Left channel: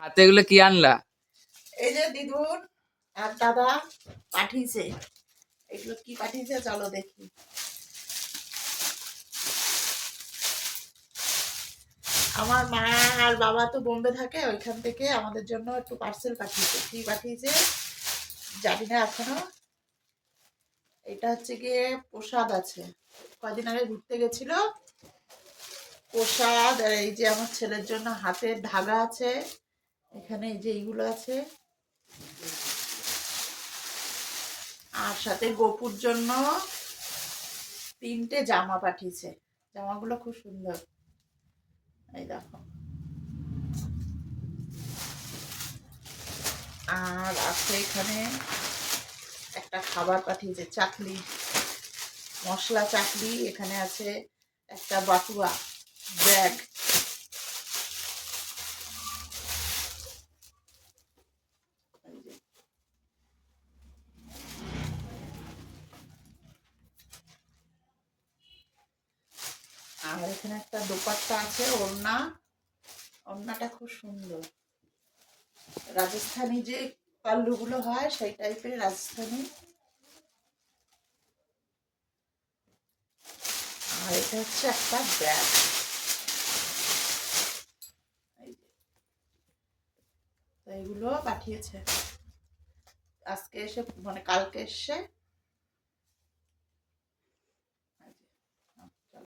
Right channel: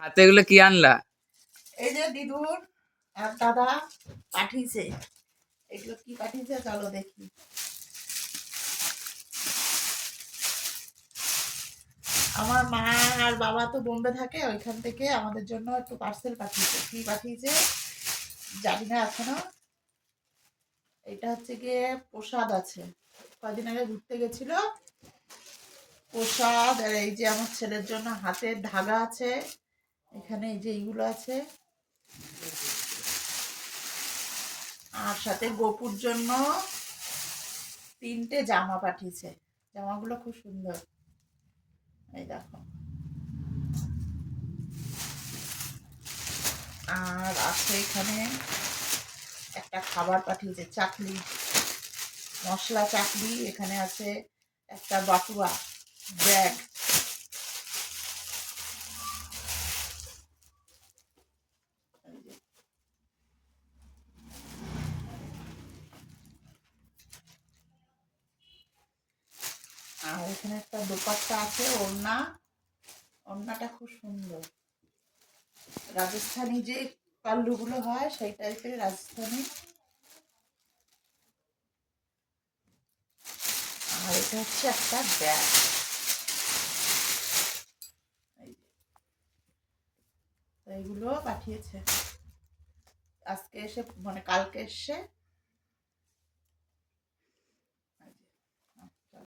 হাতে এগুলো কি আনলা? এই যে দিদুন আর দাদা পাঠিয়েছে। এগুলো কি পাঠিয়েছে চলো দেখি। আমার মা আর বাবা তো বোম্বে থাকে, ওইখান থেকে আমাদের জন্য একটু পার্সেল পাঠিয়েছে। কি পাঠিয়েছে জানি না এখনো। এটা হচ্ছে গিয়ে প্রসাদ আছে, কয়দিন আগে ঘুরতে গেছিল প্রসাদ। আর এই যে আমার ছেলের জন্য হাতের ধাগা আছে, এখানে এই যে এইগুলো আছে, আর সাথে গোপুর জন্য 3টে জামা পাঠিয়েছে। জামাগুলো খুব সুন্দর, এই দেখো। আর আছে এখানে একটা খাবার পাঠিয়েছে, চাকলি, মশলা চাকলি। এখানে আছে একটা বাটুয়া ব্যাগ। আর এখানে একটা দোপাট্টা আছে, ওড়না। ওড়নাটা খুব সুন্দর, রাজস্থানি যে পাল্লুগুলো হয় সেই টাইপের রাজস্থানি। আর এটা হচ্ছে একটা ব্যাগ। এইগুলো পাঠিয়েছে আজকে এসে, মানে কালকে এসে